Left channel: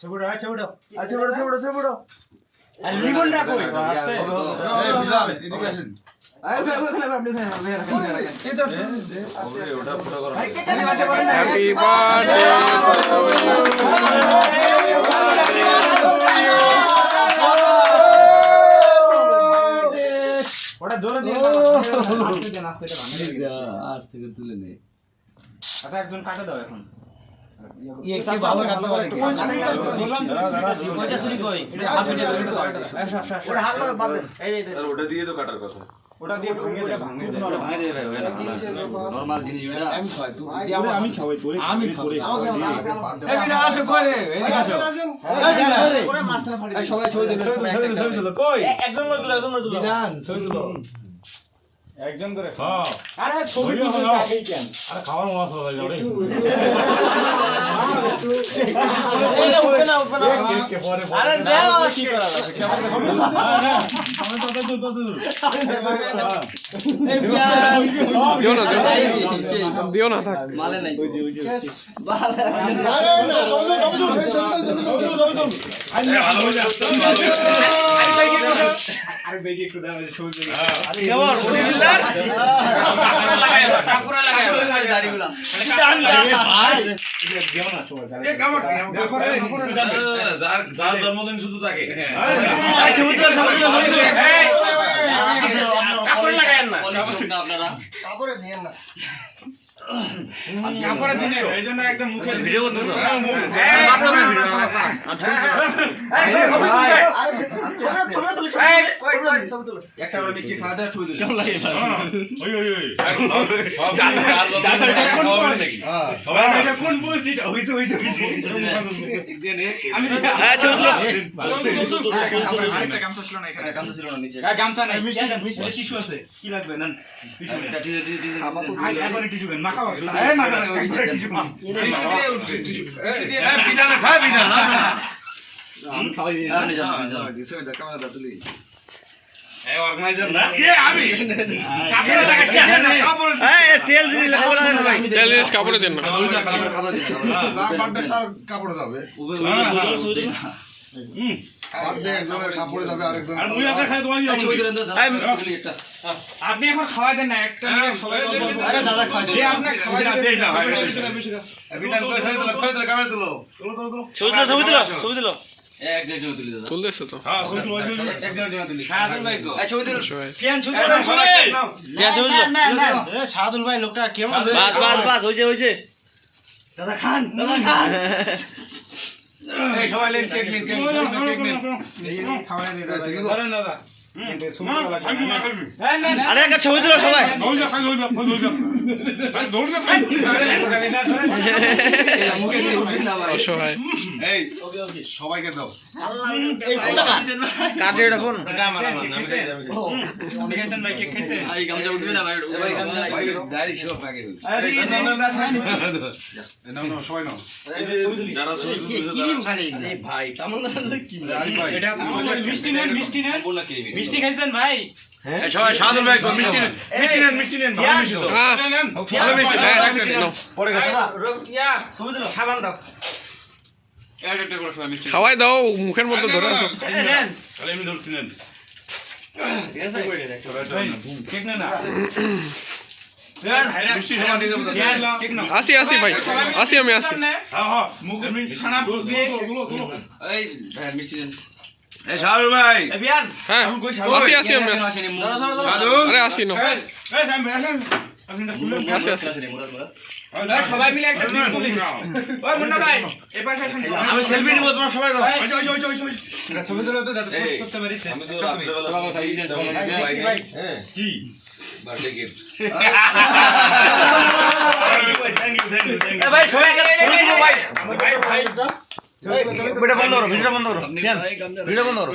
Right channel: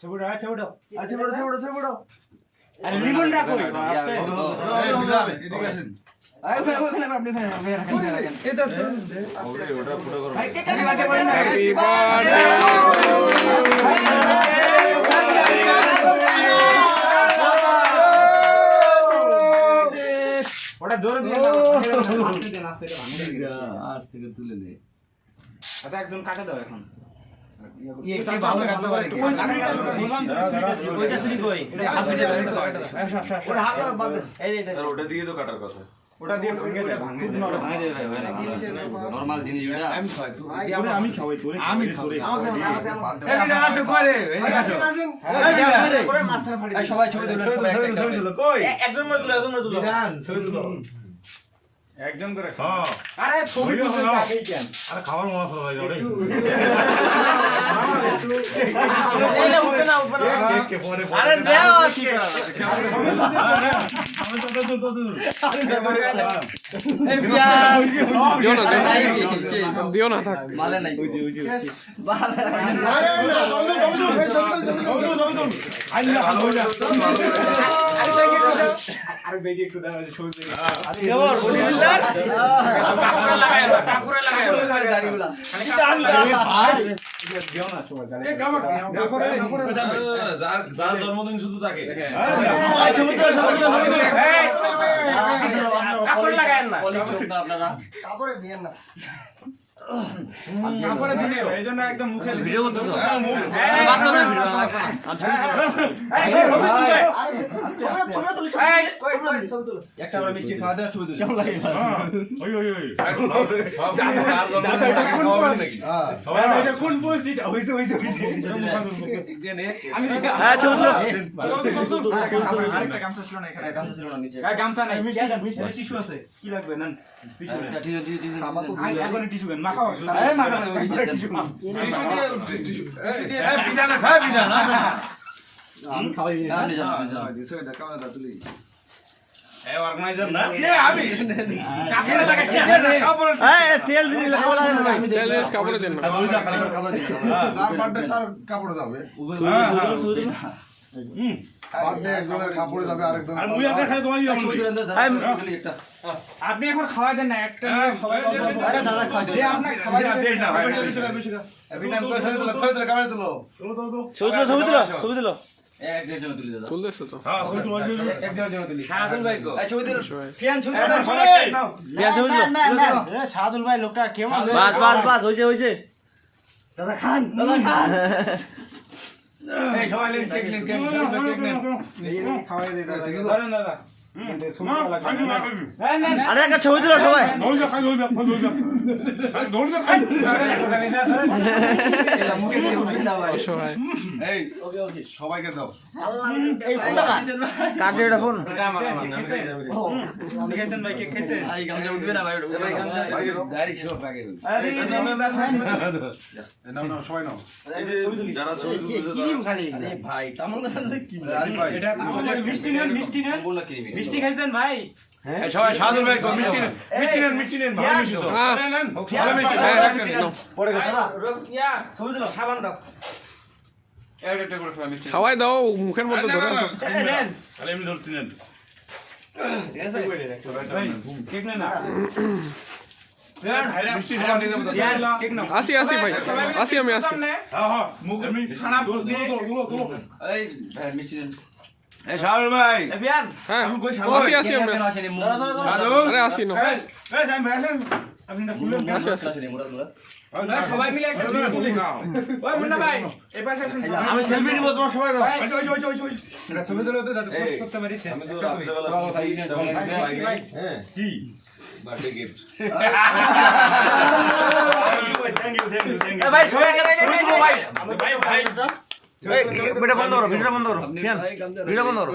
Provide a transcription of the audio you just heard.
ছবিটা ছবিটা আচ্ছা বড় ছোট বড় আরে রিবনটা কই আছে এদিকে আসেন হ্যাপি ওটা জোরে দিয়ে আজ থেকে তুলে নে। আচ্ছা একজন কাটে দাও এখন একটু ভালো কাটতে পারে ওইটা শুনি কই এটা হাত দিয়ে ওটা হাত বাদ দে এই ওটা দিয়ে তো কাটার কথা ওটা দিয়ে ভেঙে দে খুব নরম নরমাল জিনিস এটা আমি খাই তুই আমি খাওয়াই তোরে আমি তোরে আমাকে খাওয়াই। এই দিন আসো করে এই দিন আসো এই করে মাছটা ফাড়ি এই সবাই ছবি তুলো সবাই ছবি তুলো কই একজন করে তুলো বিধান ছবি তুলো একজন করে হ্যাঁ আরে ছবি তুলতে আগেই কেন আরে খাওয়ার মজা চলে যাবে রে এই না উঠবে না কে পরে আরে দাও কি করা লাগে আমি তো তো দিও না থাক মালে নাই আরে না আরে বেগে একটু দাও ছবি তুলি আরে দেওয়ার বলে দিলাম কাপড়ে লাগায় দাড়িগুলা দিও না সবাই এ কাপড় যার জন্মদিন শুধু তাকে কাপড় লাগায় না অনেক লোক না আপনারা কাপড়ে দিয়েন না কাপড়ে দিলে এইজন্য একদম মুখে ভিডিও করতে একটা করে মিষ্টি খাওয়া দাওয়া ছবি তুলি কেমন লাগে ওই ওই ওই সব যার জন্মদিন তাকে খাওয়াবেন নাকি সবাই কোন বলছি হইছে হইছে আমি আরেকটা গামছা ছিল না এখানে গামছা ছিল না নিচে গামছা নাই টিস্যু আছে কি লাগবে না টিস্যু এটা ঠিক আছে ঠিক আছে এখন টিস্যু দেন মাখা হবে এই মাথা টিস্যু বিধান খায় বিধান আমি খাওয়াই আপনি জানেন ক্যামেরা তুলি এই অর্গানাইজার না আমি কাপড়ে লাগাই কাপড় এই তেল দিলি কাপড় লাগাই ভাই তেল জিনিস কাপড়ে দেন না যার বার্থডে তার কাপড়ে যাবে বার্থডে একজনের কাপড়ে যাবে আরেকজন আর মুই আপনি খাই তোমার ছবি তুলেন তো একটা আপনি এখন খাওয়া দেন না একটা নিয়ে সবাই আরে দাদা খাওয়া যে আপনাকে খাওয়া দেন না ভাই বিধান করে ছবি তুলো ক্যামেরা তুলো ছবি তুলো এক দেড়জন তুলে দাদা তুলতেছো তো হ্যাঁ ওই তো একজন তুলি সারাদিন ভাই তো ছবি তুলো সবাই কেন ছবি না না না সাদুল ভাই লোকটা কেমন বাস হইছে দাদা খান এই সবাই লেন টেক লেন খাওয়াই দে দাদা আরে দাদা আরে একটা ছবি তুলো সবাই অসহায় এই ওকে ওকে সবাইকে দাও কাটে এটা ফোন দেখেছেন ভাই কেক খাইছে এই গামছা উঠবে না ভাই ভাই ভাইকে দাও ডাইরেক্ট সব আগে হচ্ছে আরে নাও নাও সবাই নাও যারা ছবি আরে ভাই কামল দাঁড়ালে কি আরিফ ভাই এটা মিষ্টি নেন বল না কি মিষ্টি খাইছেন ভাই সবাই সাদর ভাই মিষ্টি নেন ভালো মিষ্টি তো হ্যাঁ ভালো মিষ্টি নাও। পরে ইয়া ছবি দিলো সাবান দাও একটা করে সবাই মিষ্টি খাওয়াই দাও মুখের মধ্যে ধরে আছো তাহলে এমনি ধরতে নেন কেক না না মিষ্টি সবাই নিয়ে যাবো কেক না আসি ভাই আসি আমি আসি হ্যাঁ হ্যাঁ মুখের মিষ্টি ছানা দিয়ে তুলো এই ভাই মিষ্টি দেন এই সাদর ভাই বিয়ান হ্যাঁ আসি আমি আসি আসেনি মুখ আরে আসি নো এই সাম ভাই আসেন আসি আসেনি মুরা মুরা সবাই মিলে একটা দিন তুলি ওই মুন্না ভাই এই পাশে আসুন আমি সেলফি নিব তোমার সবাই দাও ওই এটা ছবি দিলো তো যাতে পোস্ট করতে পারি শেষ আমি তো রাত্রেবেলা ভাই কি বার্থডে গিফট থ্যাংক ইউ ভাই সবাই ছবি তুলো ভাই ভাই এই ভিডিও বন্ধ করো ভিডিও বন্ধ করো আপনি গামছা ভিডিও বন্ধ করো